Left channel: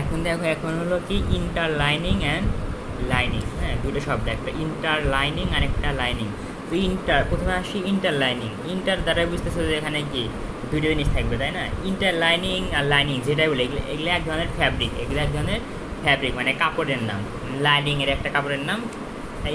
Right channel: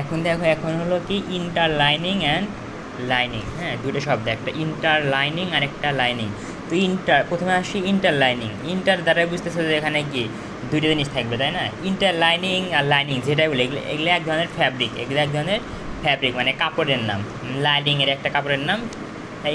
এখন দেখো, এখন হলো কি ইন্টারলাইনিং অ্যান্ড লাইনিং। হ্যাঁ, দুটো শব্দ, একটা ইন্টারলাইনিং আর একটা লাইনিং। তো প্রথমে আসি ইন্টারলাইনিং। ইন্টার দ্বারা বুঝতেছো যে এখানে কি দুইটা জিনিস থাকবে, তাই না? ইন্টারলাইনিং আর লাইনিং যেটা বলে, এগুলো এক ধরনের ফ্যাব্রিক, এগুলো এক ধরনের ফ্যাব্রিক মানে কাপড়ের নাম। লাইনিংয়ের একটা কাপড়ের নাম,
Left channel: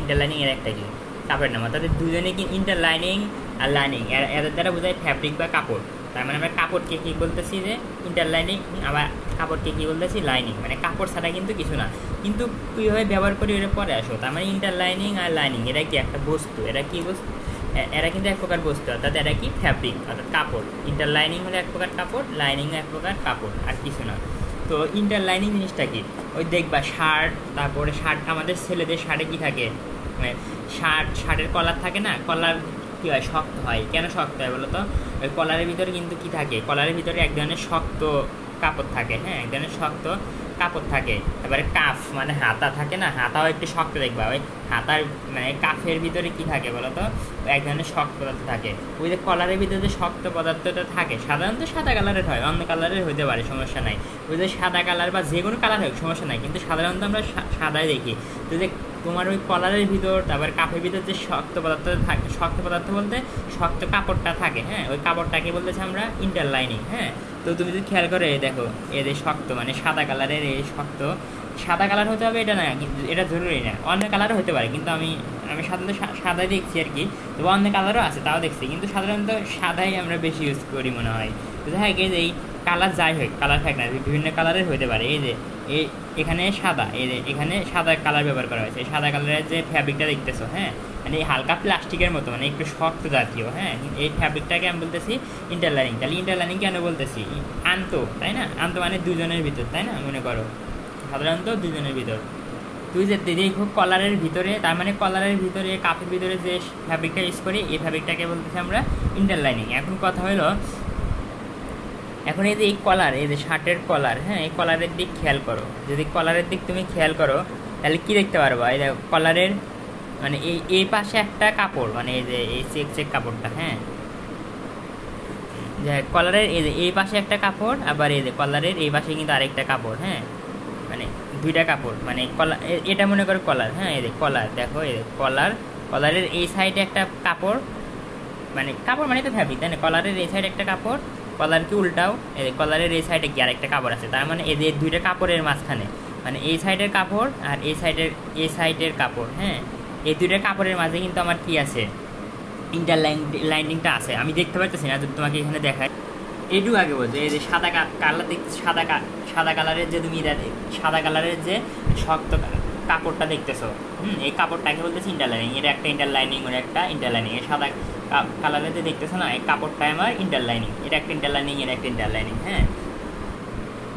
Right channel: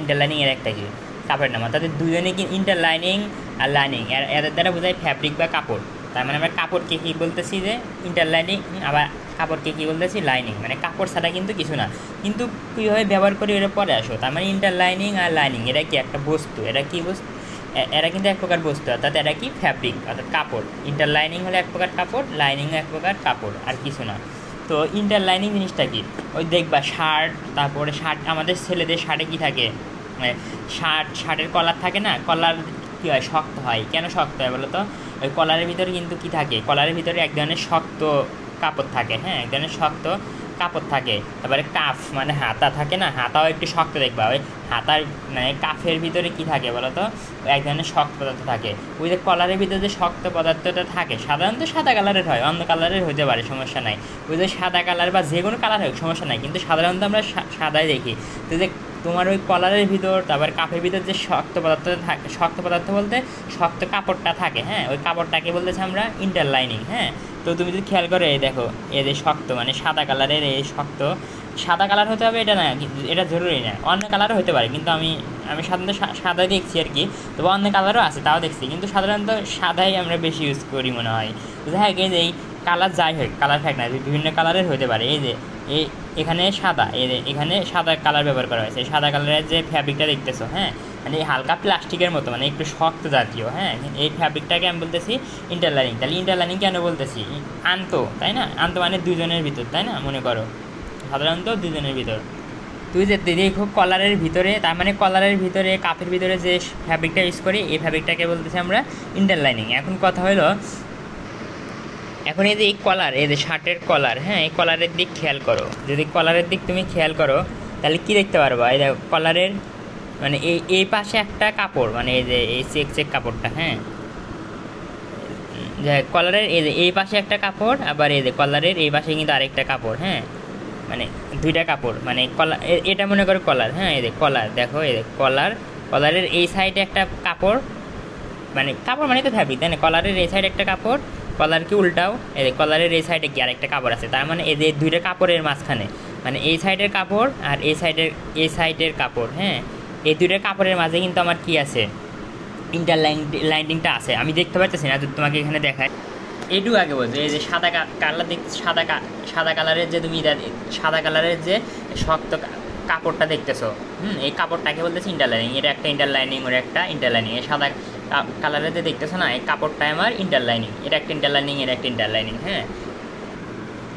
ইন্টারলাইনিংয়ের একটা কি কাপড়ের নাম। তাদের দুজনে কি ইন্টারলাইনিং আর লাইনিং, এদের দ্বারা বোঝায় ফ্যাব্রিক বা কাপড়। তার মানে আমরা কাপড়কে কী বলতেছি যে ইন্টারলাইনিং, আবার কাপড়কে কী বলতেছি লাইনিং, মানে কাপড় ছাড়া কিন্তু কিছু না। কিন্তু কীভাবে ব্যবহার করি এটা পরে আসো। তার মানে ইন্টারলাইনিং আর লাইনিং এটা কি একটা বস্তু, এটা কি বস্তু, এরা কিন্তু এক প্রকার বস্তু, অর্থাৎ এরা কি ফ্যাব্রিক অর্থাৎ কাপড়। ইন্টারলাইনিং হলে এক প্রকার কাপড়, লাইনিং এক প্রকার কাপড়, আর কিছু না। তো ইন্টারলাইনিং জিনিসটা কি, ওই দেখবা শার্ট, তারপরে শার্ট, আমাদের ছেলেদের শার্টে কী থাকে, শার্টের কলার থাকে না, কলার কী হয়, শক্ত হয়। কেন শক্ত হয় বলো তো? ওই কলারের ভিতরে কিন্তু কী থাকে, কলারের ভিতরে এক ধরনের শক্ত কাপড় থাকে। হ্যাঁ, এক ধরনের শক্ত কাপড় থাকে। এবারে কাফ মানে হাতা থাকে না, হাতাও একটু শক্ত দেখবা। ওই হাতার মানে কাফের ভিতরে কি থাকে বলো তো, এক ধরনের শক্ত পদার্থ থাকে। ওই যে কলারের ভিতরে যে শক্ত পদার্থটা থাকে সাধারণত সাদা কালারের হয়, অন্য কালারের হতে পারে, সমস্যা নাই। ওই যে সাদা কালার বা যে কোনো কালার হয় সমস্যা নাই, কিন্তু সাধারণত আমরা সাদাই দেখি। তো যে তোমার ওই কলারের ভিতর, তারপর কাপের ভিতর যে শক্ত পদার্থ থাকে, শক্ত পদার্থ বলতে শক্ত কাপড়টা থাকে। হ্যাঁ, ওই কাপড়টাকে বলতেছে আমরা ইন্টারলাইনিং। হ্যাঁ, তো তুমি যদি খেয়াল করো, এই দেখো, এই যে শক্ত মানে সাদা কালারের, এই শক্ত সাদা কালার হতে হবে এটা না, এটা জরুরি না, অন্য কালারও হতে পারে। কিন্তু আমি সাধারণত সাদাই দেখছি আর কি। তবে অন্য কালারও আছে, তাও দেখছি, কিন্তু সাধারণত সাদাই আমরা বেশি ইউজ করি মনে হয়। দেখা যায় যে এই কালার যাই হোক, কালার থাকে না, বিভিন্ন কালারের হতে পারে। এই যে এখানে সাদা, এখানে সাদা কালার ব্যবহার করা হয়েছে। সাদা কালারের যে ফ্যাব্রিকটা দেখতেছো, হ্যাঁ, মানে এই হালকা প্লাস্টিকের মতো, মানে একটু শক্ত জাতীয়। হ্যাঁ, এই ফ্যাব্রিকটাকে আমি বলতেছি ইন্টারলাইনিং। তাহলে ইন্টারলাইনিং কেন বলতেছি, আনতো, তাই না? আনতো মানে দুজনের ভিতর, তাই না? মনে করো সাধারণত দুজনের ভিতর। তুই যে দেখো কলারের ভিতরে, তার মানে কলারের ভিতরে, কাপের ভিতরে যে ফ্যাব্রিকটা ইউজ করি, এই ফ্যাব্রিকটাকে বলতেছি আমরা ইন্টারলাইনিং। এখন কথা হলো, এখন এই যে এই কলার, এই যে শার্টের কলার, হ্যাঁ, এই কলারের দিক খেয়াল করো। যদি কলারের দিক তুমি খেয়াল করো তাহলে কি দেখতে পারবা, এই দেখো কলারের মানে এই পাশে একটা কাপড়, মানে এই যে এই চেক কাপড়টা, হ্যাঁ, যে কলারের এই যে এই পাশে একটা কাপড়, আবার এই যে কলারের এই পাশে কিন্তু আরেকটা কাপড়। হ্যাঁ, মানে দুইটা কাপড়, মানে কলার, এটা মনে করো কলার। হ্যাঁ, এই যে কলার, দেখো এই যে কলারের এই সাইডে একটা কাপড়, মানে কাপড় মানে তো ফ্যাব্রিক, তাই না? কলারের এই সাইডে একটা কাপড়, কলার কি উল্টাও, এই যে কলারের এই সাইডে কি আরেকটা কাপড় আছে। তার মানে এই যে দুইটা কাপড়ের মাঝখানে, মানে এই সাইডের কাপড় আর এই সাইডের কাপড়, হ্যাঁ, এই দুইটা কাপড়ের মাঝে কিন্তু আমার কি আছে, ইন্টারলাইনিংটা আছে। আমি দেখতে পাচ্ছি না, যদি তোমাকে এখানে দেখায়, এইটুকু আগে বলছে। এই যে সাদা কালার দেখতে, সাদা কালারের যে তুমি সাদা কালারের যে শক্ত কাপড়টা দেখতেছো, এই কাপড়টাকে বলতেছি ইন্টারলাইনিং। এটা একটা ইন্টারলাইনিং, ওর একটা ইন্টারলাইনিং। এই সাদা কালারের যে দেখতেছো না, এই কাপড়টাই আমার ইন্টারলাইনিং। এটা একটা ইন্টারলাইনিং, এটা একটা ইন্টারলাইনিং। হ্যাঁ,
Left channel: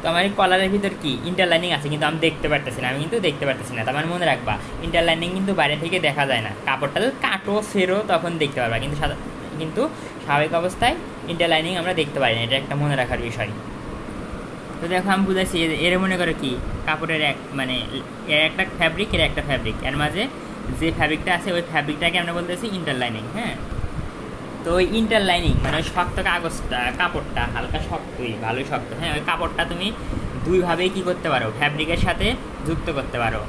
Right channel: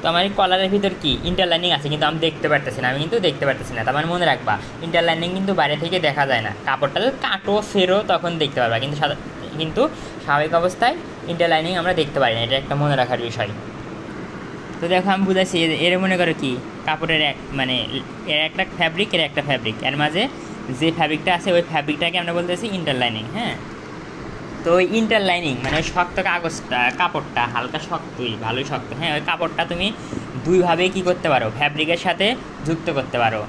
তো আমার এই কলারের ভিতর কি ইন্টারলাইনিং আছে, কিন্তু আমি দেখতে পারতেছি না, আমি কিন্তু দেখতে পারতেছি না। তার মানে মনে রাখবা, ইন্টারলাইনিং কিন্তু বাইরে থেকে দেখা যায় না। কাপড়টা যদি কাটো ফেরো তখন দেখতে পারবা, কিন্তু স্বাভাবিক অবস্থায় ইন্টারলাইনিং আমরা দেখতে পারি না। এটা একটা মনে রাখার বিষয়। তো দেখো আমি বুঝাচ্ছি, এর মনে করো কি কাপড়ের মানে এর একটা ফ্যাব্রিক, এর একটা ফ্যাব্রিক, এর মাঝে যে ফ্যাব্রিকটা আছে ওই ফ্যাব্রিকটাকে আমরা বলতেছি ইন্টারলাইনিং। হ্যাঁ, তো ওই ইন্টারলাইনিং মানে ওই শক্ত কাগজটা, কাপড়টা হালকা শক্তই, ভালোই শক্ত। হ্যাঁ, ওই কাপড়টা তুমি দুইভাবে কি করতে পারো, ফ্যাব্রিকের সাথে যুক্ত করতে পারো।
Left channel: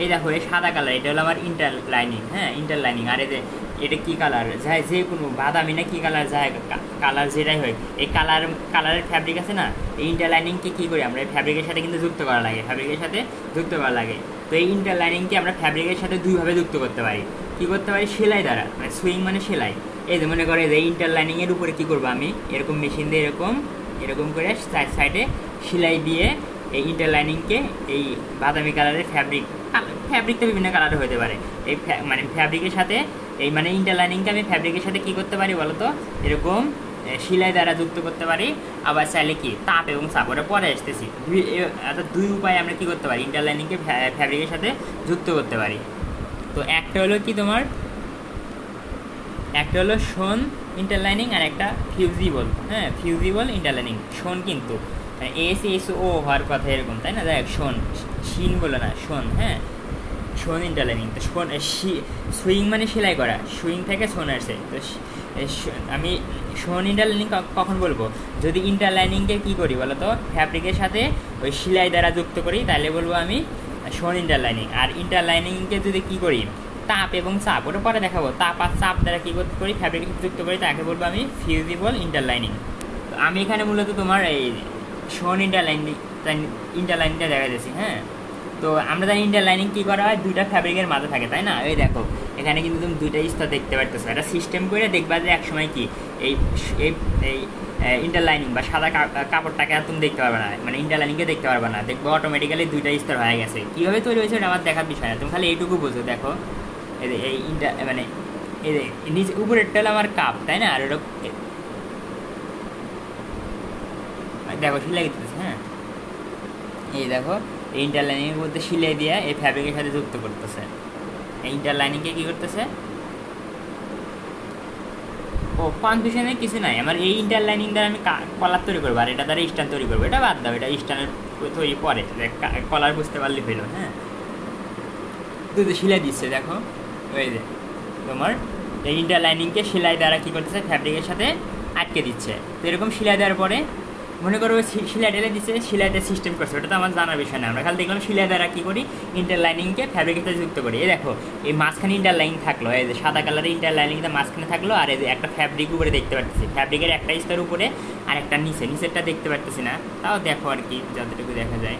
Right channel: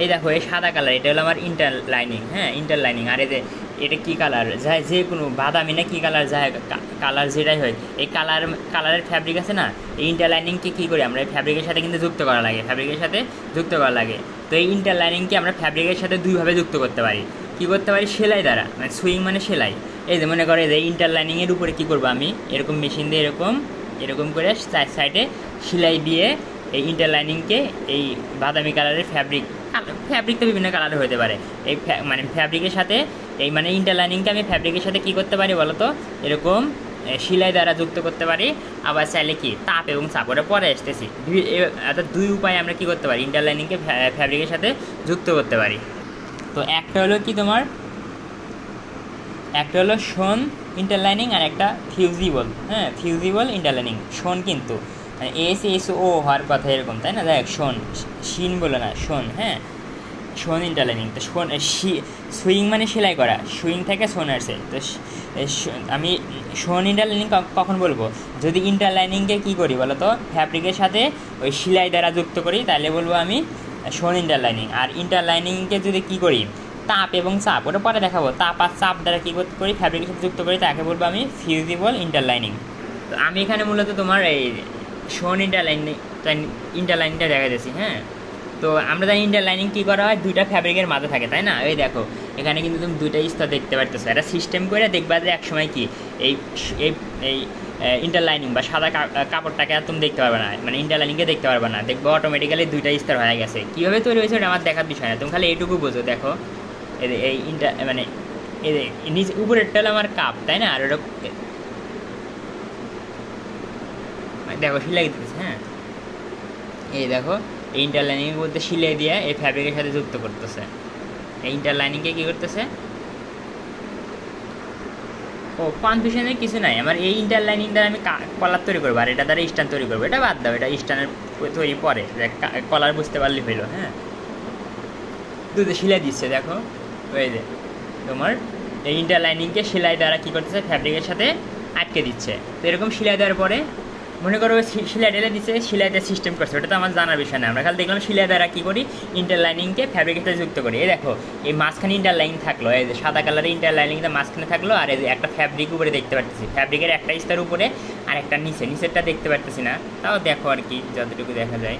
এই দেখো, এই সাদা কালার, এটা হলো আমার ইন্টারলাইনিং। হ্যাঁ, ইন্টারলাইনিং। আর এই যে এটা কী কালার যায়, যে কোনো বাদামি না কী কালার যায়, কালার যেটাই হয়, এই কালারের ফ্যাব্রিক আছে না, এই ইন্টারলাইনিংকে কী করি আমরা, এই ফ্যাব্রিকের সাথে কিন্তু যুক্ত করা লাগে, ফ্যাব্রিকের সাথে যুক্ত করা লাগে। তো এই ইন্টারলাইনিংকে আমরা ফ্যাব্রিকের সাথে দুইভাবে যুক্ত করতে পারি। কী করতে পারি, সেলাই দ্বারা, মানে সুইং মানে সেলাই। এই যে মনে করো, এই যে ইন্টারলাইনিংয়ের উপরে কী করবো আমি, এরকম মেশিন দিয়ে এরকম করে সাইডে সেলাই দিয়ে এই ইন্টারলাইনিংকে, এই বাদামি কালারের ফ্যাব্রিক তো বিভিন্ন কালারের হতে পারে, এই মানে ফ্যাব্রিকের সাথে, এই মানে ইন্টারলাইনিংকে আমি ফ্যাব্রিকের সাথে কী করতে পারি বলো তো, এরকম সেলাই দ্বারা যুক্ত করতে পারি। আবার চাইলে কি তাপ এবং চাপড়ে পরে আসতেছি, দুই উপায়ে আমরা কী করতে পারি, ইন্টারলাইনিংকে ফ্যাব্রিকের সাথে যুক্ত করতে পারি। তো একটা হলো কি তোমার, একটা হলো শোন ইন্টারলাইনিং, আর একটা ফিউজিবল। হ্যাঁ, ফিউজিবল ইন্টারলাইনিং। শোন কিন্তু মানে SSO হওয়ার কথা এরকম, তাই না? দেখ, শোন, শিন বলো না, শোন। হ্যাঁ, শোন ইন্টারলাইনিং। তো শোন সুইং মানে সেলাই করা, সুইং থেকে শোন আসছে। তো আমি শোন ইন্টারলাইনিং কখন বলবো, যদি ইন্টারলাইনিংকে কী করি বলো তো, ফ্যাব্রিকের সাথে ওই সেলাই দ্বারা যুক্ত করি, তাহলে বলবো আমি শোন ইন্টারলাইনিং। আর ইন্টারলাইনিংকে যদি কী করি, তাপ এবং চাপ, ওটা পরে দেখাবো, তাপ আর চাপ দ্বারা কী করি, ফ্যাব্রিকের সাথে যুক্ত করি, তাকে বলবো আমি ফিউজিবল ইন্টারলাইনিং। তো আমি এখানে মূলত তোমার এই শোন ইন্টারলাইনিংটা দেখা যাচ্ছি। হ্যাঁ, তো আমরা জানি ইন্টারলাইনিং কী করা হয়, দুইটা ফ্যাব্রিকের মাঝে থাকে, তাই না? এই দেখো এখানে কিন্তু তুমি দুইটা স্তর দেখতে পারতেছো, এটা সিস্টেম করে দেখবা যে একসময় কি এই এই ইন্টারলাইনিং বা সাদা কাপড়টাকে আর তুমি দেখতে পারবে না, মানে ইন্টারলাইনিংকে দেখতে পারবে না, দেখবো অটোমেটিক্যালি দুইটা স্তর হয়ে গেছে। কীভাবে তৈরি হয়েছে ওটা আমার দেখার বিষয় না, তুমি খালি এইটুকু বোঝো। দেখো এই মানে নিচে উপরেরটা হলো আমার কাপ, তাই না? আর ওটা দেখো সেলাই দিতেছে। হ্যাঁ, এই দেখো এই ইন্টারলাইনিংয়ের মধ্যে সিলাই দিয়ে এই ফ্যাব্রিকের সাথে যুক্ত করতেছে। এই ইন্টারলাইনিংকে কী করতেছে, ও কনফিউশনের কিছু নাই, আমার এই ইন্টারলাইনিং দ্বারা আমি কলার তৈরি করবো, আর এটা দ্বারা স্টান তৈরি করবো, এটা বাদ দাও, এটা স্টানের তৈরি পরে, কলার বুঝতে পারলে হইলো। হ্যাঁ, দুটো সেলাই দিচ্ছে, দেখো ওই যে তোমার এই ইন্টারলাইনিংকে সেলাই দ্বারা কী করতেছে, ফ্যাব্রিকের সাথে আটকে দিচ্ছে। তো এরকম সেলাই দেওয়ার পরে মনে করো সেলাই ঢেলে দিচ্ছে, সেলাইটা সিস্টেম করছে, ওটা তো আমার জানার বিষয় না, আমরা খালি দেখলাম সেলাই দ্বারা কী করি, ইন্টারলাইনিংকে ফ্যাব্রিকের সাথে যুক্ত করি। এই দেখো এই মাঝখানে ইন্টারলাইনিং থাকলো, এই যে সাদা কালারের ইন্টারলাইনিংটা মাঝখানে থাকলো, আর এই যে একটা ফ্যাব্রিক উপরে দেখতে পাচ্ছি, ফ্যাব্রিকের একটা স্তর উপরে আর একটা নিচেরটা দেখতে পারতেছি না, তাও দেখো আর কি যতটুকু দেখা যায়।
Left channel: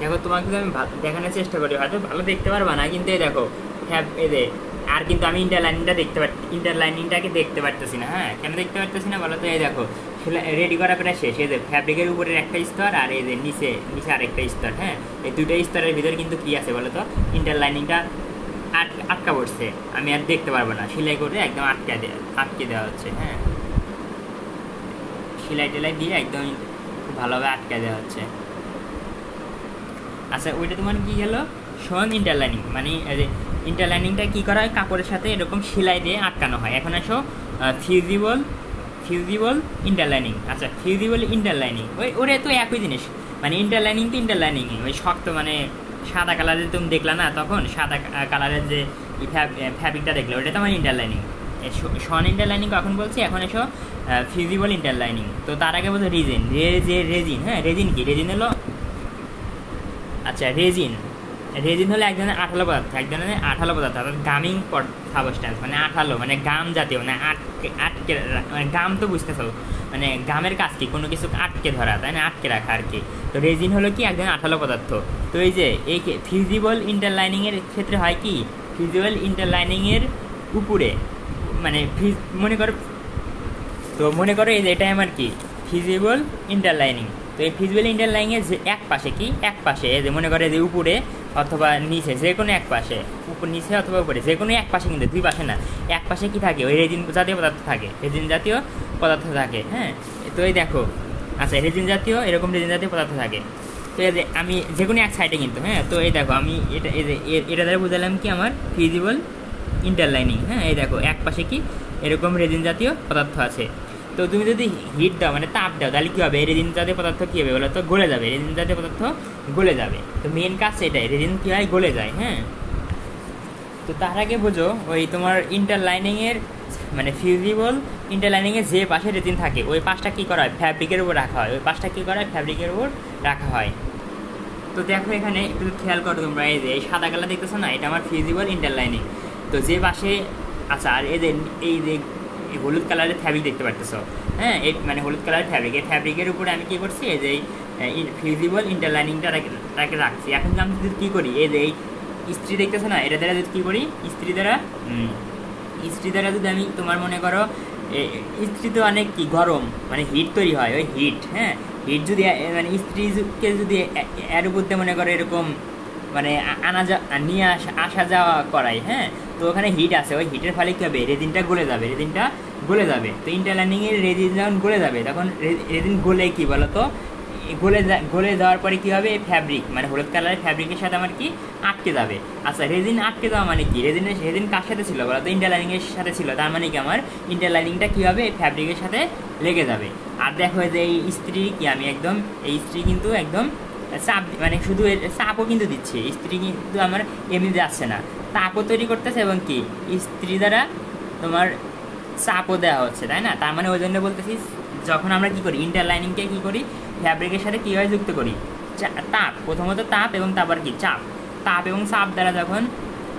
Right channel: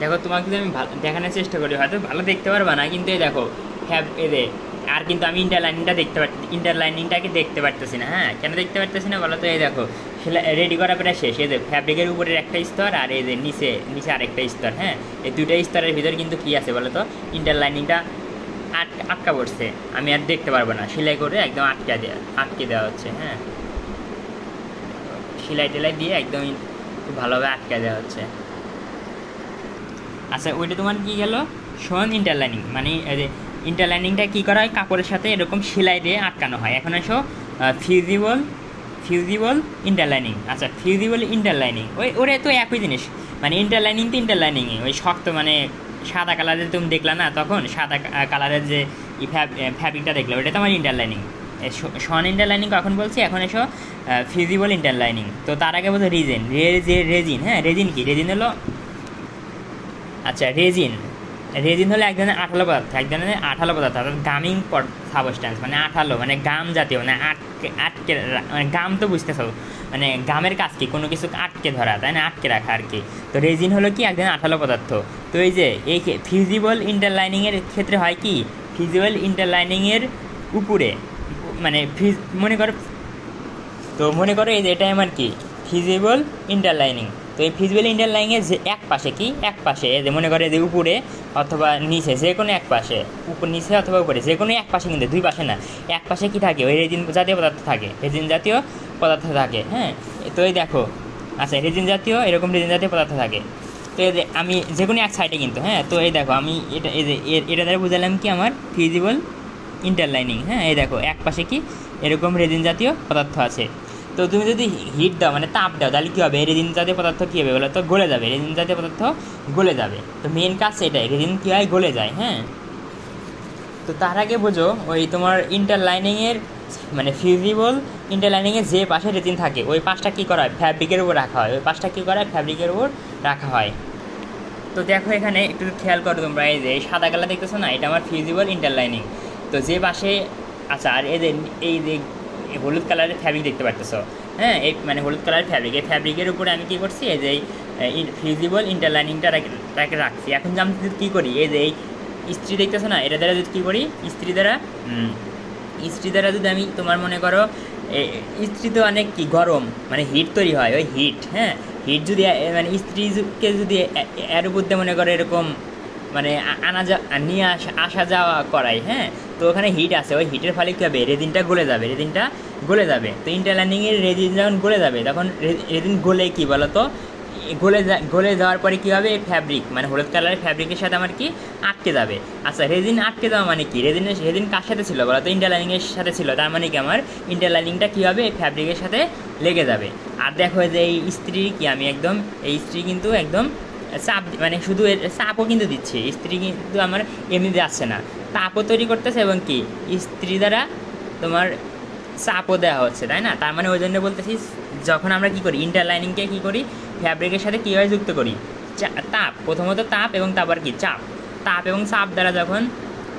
দেখো তোমাকে যদি আমি দেখানোর চেষ্টা করি, হয়তো ভালো দেখতে পারবা না, কিন্তু এই দেখো এদের আর কিন্তু আমি ইন্টারলাইনিংটাকে দেখতে পারতেছি না। হ্যাঁ, কেন দেখতে পারতেছি না বলো তো, এই দেখো রেডি করা প্রায় শেষ, এই যে ফ্যাব্রিকের উপরের একটা স্তর আর এই যে নিচে আরেকটা স্তর। হ্যাঁ, এই দুটো স্তরের ভিতরে কিন্তু কী আছে বলো তো, ইন্টারলাইনিংটা আটকা পড়ছে, আমি আর দেখতে পারবো না, সেলাই করে একদম আটকে দেওয়া হচ্ছে। হ্যাঁ, সেলাই টেলাই দিয়ে একদম খুব ভালোভাবে আটকে দেওয়া হচ্ছে। আচ্ছা, ওইটা তোমার কী গেল, শোন ইন্টারলাইনিং, মানে ইন্টারলাইনিংটা কী করা হয়, কাপড়ের সাথে এরকম সেলাই দিয়ে আটকানো হয়। এখন আসো ফিউজিবল ইন্টারলাইনিং। আচ্ছা, ফিউজিবল ইন্টারলাইনিং ওরা তো একই জিনিস, মানে ইন্টারলাইনিং তো ইন্টারলাইনিংই, ওই শক্ত মানে সাদা কালারের তুমি দেখলা না, তখন সাদা কালারের যে ফ্যাব্রিকটা দেখলো, ওটা তো আমার ইন্টারলাইনিং। শন ইন্টারলাইনিং কখন বলছি, এখন এসো ফিউজিবল ইন্টারলাইনিং। তো তার আগে বলছো রেজিন। হ্যাঁ, রেজিন কি, রেজিন হলো, আচ্ছা রেজিন হলো এক ধরনের আঠালো পদার্থ, অর্থাৎ গামিং সাবস্ট্যান্স, মানে আঠালো, মানে গাম জাতীয়, মানে আটকে গাম তো বুঝতেছো, মানে গামের কাজ কি, কোনো কিছু আটকে ধরা, তাই না, আটকে রাখা আর কি। তো রেজিন হলো কি এক ধরনের আঠালো পদার্থ। তো এই যে এই ফিউজিবল ইন্টারলাইনিংয়ের ক্ষেত্রে হয় কি, ফিউজিবল ইন্টারলাইনিংয়ের উপরে মানে মনে করো এই যে এটাই আমার কি ফিউজিবল ইন্টারলাইনিং। তো এই ফিউজিবল ইন্টারলাইনিংয়ের যে এক পাশে যে মনে করে যে উপরে অথবা নিচে, যে কোনো এক পাশে, নিচে অথবা উপরে যে কোনো এক পাশে, কিন্তু দুই পাশে না, এক পাশে কি থাকে, ওই রেজিন জাতীয় পদার্থ থাকে। হ্যাঁ, তো এই দেখো, আচ্ছা রেজিন জাতীয় পদার্থ থাকে। তো এই যে আমি যে কোনো এক সাইডে কিন্তু, হ্যাঁ, তো এই দেখো আমি এটা দ্বারা বুঝালাম কি আমার ফিউজিবল ইন্টারলাইনিং। হ্যাঁ, এই দেখো এক পাশে কি এরকম রেজিন জাতীয় পদার্থ আছে। তো তুমি যদি হিট দাও, মানে তাপ দাও, তাহলে কী হবে, রেজিন জাতীয় পদার্থ কী হবে বলো তো, গলে যাবে, রেজিন জাতীয় পদার্থ গলে যাবে। তো মেন কাজ সেটাই, রেজিন কী হয়, গলে যায়। হ্যাঁ, তো তার আগে বোঝো ওই তোমার ইন্টারলাইনিংয়ের মানে ফিউজিবল ইন্টারলাইনিংয়ের যে পাশে রেজিন থাকে, ওই পাশটা কী করা হয়, ফ্যাব্রিকের উপর রাখা হয়। তো দেখো এখানে একটু খেয়াল করো তোমরা, এই যে এই সাদা কালার দেখতেছো না, এটা আমার ফিউজিবল ইন্টারলাইনিং। তো যে পাশে, আচ্ছা, আর এই যে হলুদ কালারের ফ্যাব্রিক দেখতে পারতেছো, হ্যাঁ, এই মানে হলুদ কালারের ফ্যাব্রিক, এই ফ্যাব্রিকের উপরে আমি কী করছি, এই যে ফিউজিবল ইন্টারলাইনিংটা তাকে রাখছি। এখন আমি যদি কী করি, এই যে এই ইস্ত্রি দেখতেছো না, এটা দ্বারা যদি কী করি, ইস্ত্রি দ্বারা যদি আমি তোমার মনে করো, ইস্ত্রি তো অনেক কি গরম, মানে হিট তৈরি হয়, ওই হিট, হ্যাঁ, হিট যদি মানে ইস্ত্রিকে যদি এর উপর দিয়ে মনে করো এরকম মানে নিয়ে আসা যাওয়া করাই, হ্যাঁ, তো ওখানে হিট আছে, ওই হিটের ফলে কী হবে, রেজিনটা গলে যাবে। তো ইন্টারলাইনিংয়ের রেজিন যখন গলে যাবে, তখন রেজিন গলে কী বলো তো, গলে যাওয়ার পরে কী হবে, ফ্যাব্রিক মানে হলুদ কালারের ফ্যাব্রিকের সাথে আমার কি আটকে যাবে। আচ্ছা, রেজিন আটকে যাওয়া মানে কি, রেজিন কার সাথে ছিল বলো তো, ইন্টারলাইনিংয়ের সাথে ছিল, তার মানে কি আমার ইন্টারলাইনিংটা কী হবে, ফ্যাব্রিকের সাথে লেগে যাবে। আর দেখো যে এই ইস্ত্রি কি, আমি একদম এই ইস্ত্রি কিন্তু একদম চাপ, মানে শুধু চাপও কিন্তু দিচ্ছে, ইস্ত্রি কিন্তু আমার এমনি যাচ্ছে না, তাপও তৈরি করতেছে এবং কি ইস্ত্রি দ্বারা তোমার চাপও দেওয়া হচ্ছে, তাই না? তার মানে ওই জন্য বলতেছি যখন আমরা কি করি ইন্টারলাইনিংকে কি করি ফ্যাব্রিকের সাথে কীভাবে যুক্ত করি, তাপ, প্রথমত তাপ এবং তারপর কি চাপ, তাপ এবং চাপ দ্বারা যখন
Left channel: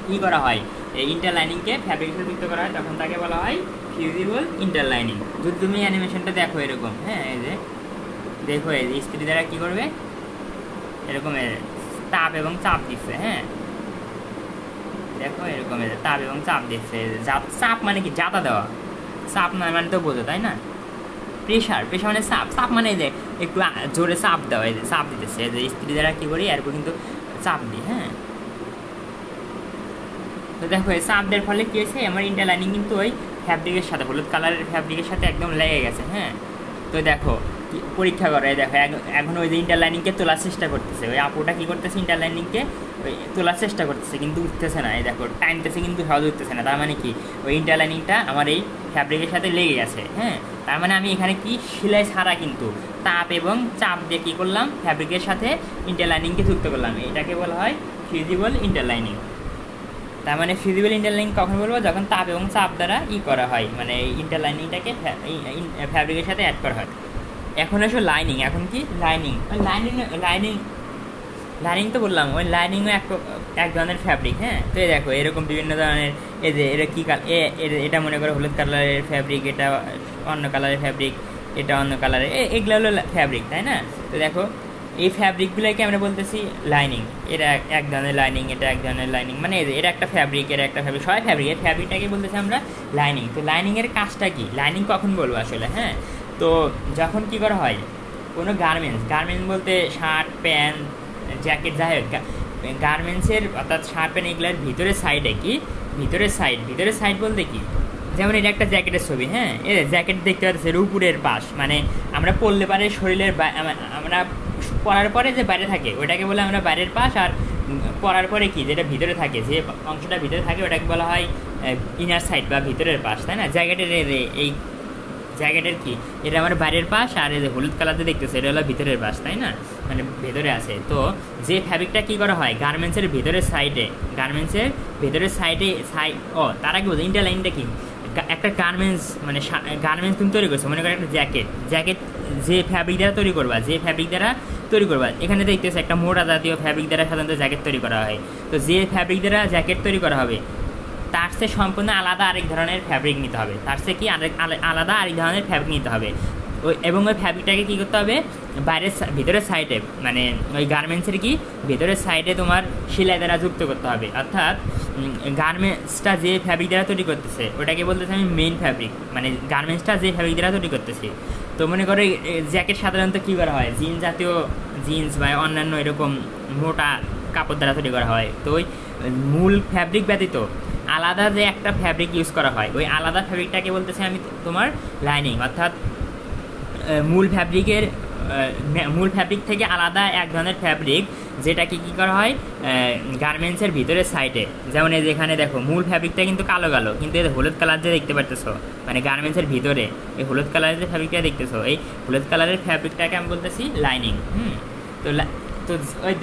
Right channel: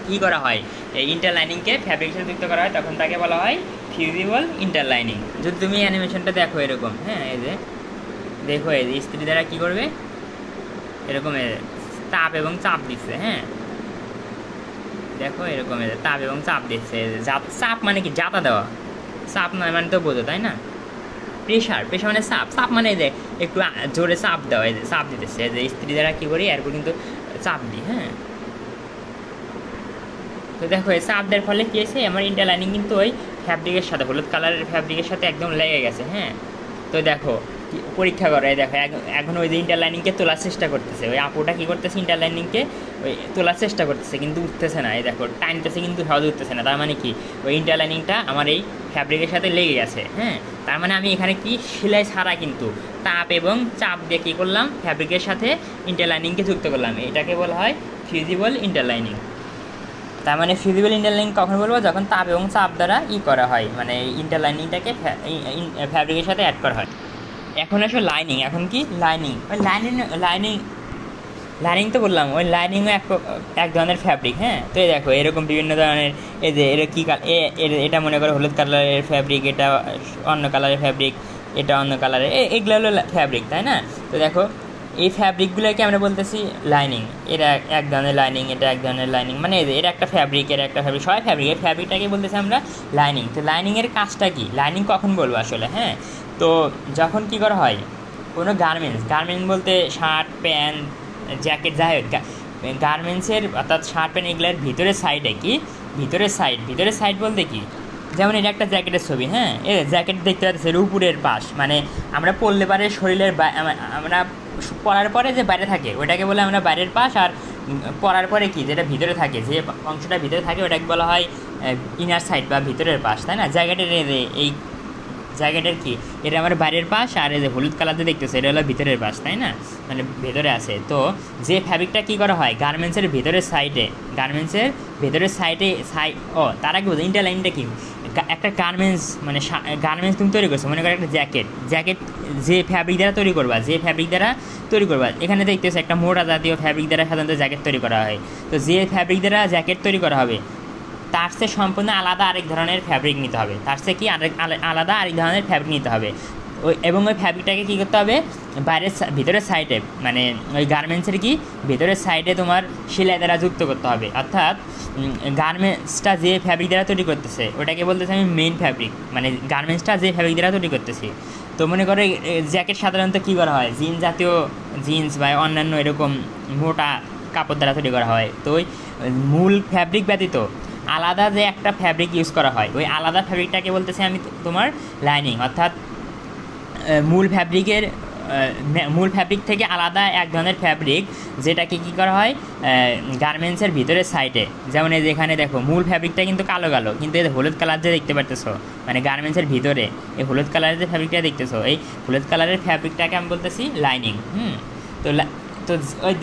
কী করা হয় এই ইন্টারলাইনিংকে ফ্যাব্রিকের সাথে যুক্ত করা হয় তখন তাকে বলা হয় ফিউজিবল ইন্টারলাইনিং। যদি তুমি অ্যানিমেশনটা দেখো এরকম, হ্যাঁ এই যে দেখো এই যে ইস্ত্রি দ্বারা কী করবে এরকম তাপ এবং চাপ দিচ্ছে, হ্যাঁ দেখো এরকম তাপ এবং চাপ দিচ্ছে। চাপ মানে কি জাতা দেওয়া, চাপ নয় মানে তো বোঝো তাই না, প্রেশার, প্রেশার মানে চাপ, চাপ মানে যে একটু জোরে চাপ দেওয়া, এই যে চাপ দিতেছে যে ইস্ত্রি দ্বারা কী করি এরপর কিন্তু চাপ দিই, হ্যাঁ। তো দেখো এই চাপ দেওয়ার ফলে কী হয়েছে আমার ইন্টারলাইনিং কিন্তু ওই ফ্যাব্রিকের সাথে হলুদ কালারের ফ্যাব্রিকের সাথে একদম লেগে গেছে, হ্যাঁ। তো দেখো পরীক্ষা করে দেখো এখন ওই যে ইন্টারলাইনিংকে তোলার চেষ্টা করতেছে, ওই আপুটা কী করতেছে ইন্টারলাইনিংকে ওই তোলার চেষ্টা করতেছে কিন্তু উঠতেছে না, এই দেখো টাইমতেছে কিন্তু সহজে উঠতেছে না। তার মানে কি ওই ইন্টারলাইনিংটা আমার এই ফ্যাব্রিকের সাথে লেগে গেছে, হ্যাঁ। তার মানে আমি এখানে কি সেলাই ছাড়া কিন্তু তাপ এবং চাপ দিয়ে কী করলাম ফ্যাব্রিকের সাথে ইন্টারলাইনিংকে যুক্ত করলাম, এটাকে বলা হয় ফিউজিবল ইন্টারলাইনিং। তার মানে ফিউজিবল ইন্টারলাইনিং কখন বলবো যখন তাপ এবং চাপ দ্বারা করা হয়, মানে ইন্টারলাইনিংটাকে ফ্যাব্রিকের সাথে অ্যাড করা হয়। এখন আসো লাইনিং, এখন কি লাইনিং, ওই লাইনিং তো বললাম ওই লাইনিংও এক ধরনের ফ্যাব্রিক, হ্যাঁ। তো এই দেখো এরকম বিভিন্ন ধরনের এই যে এটা কী এটা মনে করো হলুদ কালারের ফ্যাব্রিক, এটা অন্য কালারের ফ্যাব্রিক, এটা অন্য কালারের, এগুলো হলো ফ্যাব্রিক, তাই না? তো দেখো এই ফ্যাব্রিকগুলোকে আমরা বলতেছি লাইনিং, এটা এক ধরনের লাইনিং, এটা এক ধরনের লাইনিং, মানে এটা একটা ফ্যাব্রিক, এটা একটা ফ্যাব্রিক, সবাই ফ্যাব্রিক, এই ফ্যাব্রিকটাকে বলতেছি আমরা লাইনিং। তো লাইনিংয়ের কাজটা কি, লাইনিং কখন বলবো আসলে, হ্যাঁ। তো যখন কি করা হয় কোনো গার্মেন্টস বলতে শার্ট প্যান্ট জ্যাকেট যাই হোক গার্মেন্টসের অর্থাৎ শার্ট প্যান্ট এগুলোর ভিতরের সাইডে কি ভিতরের সাইড বলতে কি যেমন এটা একটা জ্যাকেটের ছবি, হ্যাঁ। এর জ্যাকেট দেখতে পাচ্ছি এর উপরের পাশ, মানে আমরা পরলে পারে শরীরের আমরা পরার পরে যে বাইরে থাকে ওটাকে বলে আমরা বাইরের পাশ, আর পরার পরে কি যেটা ভিতরে থাকে যে অংশটা ভিতরে থাকে ওটাকে বলা হয় ইনার সাইড বা ভিতরের পাশ, তাই না? এই জ্যাকেটের কি এটা আমার বাইরের পাশ, আর এই যে হলুদ কালার দিয়ে দেখতেছে এটা হলো ভিতরের পাশ, তাই না? মানে ভেতরে আছে। তো যে ফ্যাব্রিকটা কী করা হয় গার্মেন্টসের ভেতরের সাইডে তার আগে বোঝো ইন্টারলাইনটা কি একটা গার্মেন্টস, মানে গার্মেন্টস তুমি তৈরি করছো, মনে করো একটা জ্যাকেট যে ফ্যাব্রিক দ্বারা তৈরি করবা এখানে দেখতেছো একটা মোটা জাতীয় ফ্যাব্রিক দ্বারা সাধারণত জ্যাকেট তৈরি করা হয়। তো যে ফ্যাব্রিক দ্বারা জ্যাকেট তৈরি করা হবে তার চেয়ে সম্পূর্ণ আলাদা আরেক ধরনের ফ্যাব্রিক নিতে হবে, এবং ওই ফ্যাব্রিকটাকে কী করতে হবে ভিতরের সাইডে, মানে ওই গার্মেন্টসের কি ভিতরের সাইডে তোমার সেলাই দ্বারা যুক্ত করতে হবে। অর্থাৎ গার্মেন্টসটা যে ফ্যাব্রিক দ্বারা তৈরি করতেছে ওটাকে বলতেছে আমি মেইন ফ্যাব্রিক, মানে গার্মেন্টসটা যে ফ্যাব্রিক দ্বারা তৈরি করতেছি। তো মনে করো জ্যাকেট সাধারণত কী করা হয় জিন্স বা অন্যান্য এরকম মোটা কাপড় দ্বারা তৈরি করা হয়। তো ওই মূল ফ্যাব্রিক ব্যতীত আলাদা যে একটা ফ্যাব্রিক ইউজ করা হয় ওই আলাদা ফ্যাব্রিকটাকে বলতেছে আমি তোমার লাইনিং। অর্থাৎ মূল ফ্যাব্রিক থেকে আলাদা এক ধরনের ফ্যাব্রিক যেটাকে কী করা হয় গার্মেন্টসের ভিতরের সাইডে, যেমন এই যেখানে দেখো মূল ফ্যাব্রিকটা কিন্তু কালো কিন্তু এই হলুদ কালার যে দেখতে পারতেছো মানে গার্মেন্টসের ভিতরে এই হলুদ কালারের যে ফ্যাব্রিকটা দেখতেছো এই হলুদ কালারের ফ্যাব্রিকটাকে আমি বলতেছি লাইনিং। তো ওই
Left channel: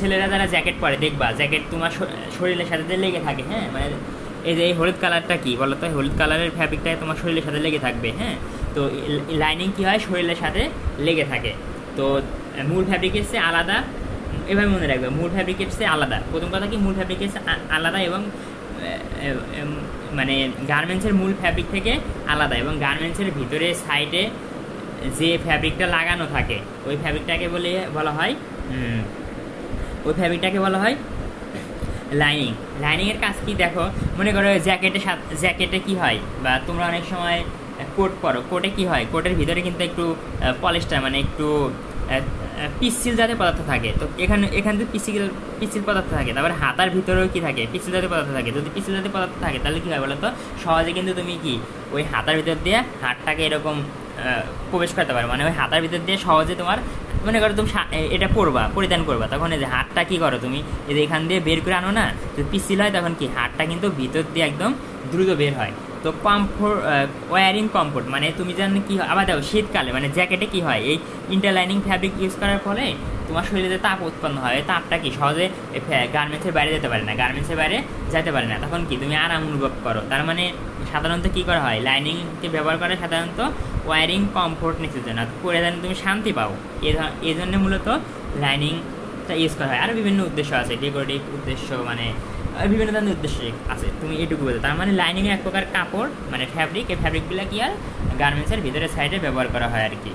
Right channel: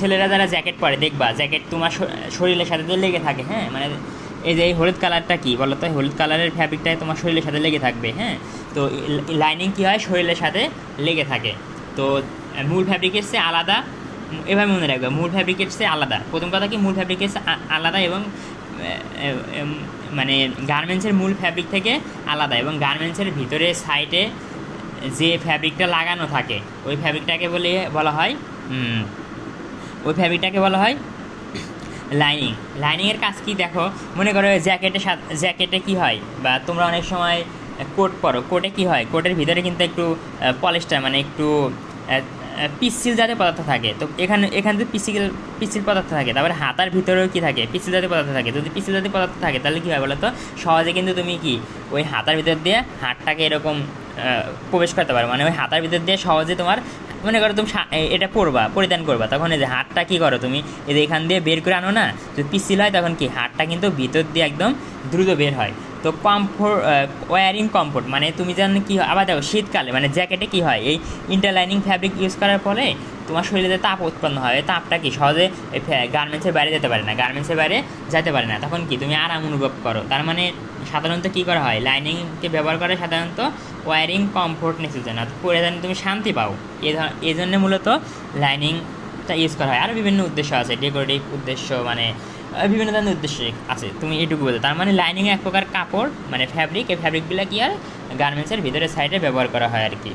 ছেলেরা যারা জ্যাকেট পরে দেখবা জ্যাকেট তোমার শরীরের সাথে লেগে থাকে, হ্যাঁ। মানে এই যে হলুদ কালারটা কি বলো তো, হলুদ কালারের ফ্যাব্রিকটা তোমার শরীরের সাথে লেগে থাকবে, হ্যাঁ। তো লাইনিং কী হয় শরীরের সাথে লেগে থাকে। তো মূল ফ্যাব্রিকের চেয়ে আলাদা, এভাবে মনে রাখবে মূল ফ্যাব্রিকের চেয়ে আলাদা। প্রথম কথা কি মূল ফ্যাব্রিকের চেয়ে আলাদা এবং মানে গার্মেন্টসের মূল ফ্যাব্রিক থেকে আলাদা, এবং গার্মেন্টসের ভিতরে সাইডে যে ফ্যাব্রিকটা লাগানো থাকে ওই ফ্যাব্রিকটাকে বলা হয় লাইনিংয়ের কাজ কি দেখো, মনে করো জ্যাকেটে কি হয় বা তোমরা অনেক সময় কোট পরো, কোটে কি হয় কোটের ভিতরে কিন্তু একটু পলিস্টার মানে একটু পিচ্ছিল জাতীয় পদার্থ থাকে। তো এখানে যদি পিচ্ছিল পদার্থ থাকে তারপরে হাতার ভিতরেও কি থাকে পিচ্ছিল জাতীয় পদার্থ থাকে। যদি পিচ্ছিল জাতীয় পদার্থ থাকে তাহলে কী হয় বলো তো, সহজে কিন্তু তুমি কি ওই হাতার ভিতর দিয়ে হাতটাকে এরকম প্রবেশ করতে পারো, মানে ওই হাতার ভিতর দিয়ে সহজে তোমার মনে করো তুমি এটা পরিধান করবা তখন এই যে হাতটা কী করো তুমি এই যে এখান দিয়ে বের করে আনো না, যদি পিচ্ছিল হয় তখন কি হাতটা কিন্তু ভিতর দিয়ে একদম দ্রুত বের হয়। তো ওয়ারিং কমফোর্ট মানে তুমি জানো কি হয়, আবার দেখো শীতকালে মানে জ্যাকেটে কি হয় এই ইন্টারলাইনিং ফ্যাব্রিক ইউজ করার ফলে তোমার শরীরে যে তাপ উৎপন্ন হয় এই তাপটা কি সহজে গার্মেন্টসের বাইরে যেতে পারে না, গার্মেন্টসের বাইরে যেতে পারে না, তখন কি তুমি আরাম অনুভব করো। তার মানে সাধারণত কী করা হয়, লাইনিংকে ব্যবহার করে সাধারণত ওয়ারিং কমফোর্টনেসের জন্য, পরে যেন তুমি শান্তি পাও, এই জন্য মূলত লাইনিংটা ইউজ করা হয়। আর বিভিন্ন উদ্দেশ্য আছে, ডেকোরেটিভ উদ্দেশ্য, মানে বিভিন্ন ধরনের উদ্দেশ্য আছে, তুমি এটুকু বলতে। তার মানে লাইনিং এক প্রকার কাপড়, মানে ফ্যাব্রিক, এই ফ্যাব্রিকগুলো কি আর গার্মেন্টসের ভিতরে সাইডে ব্যবহার করা হয় আর কি।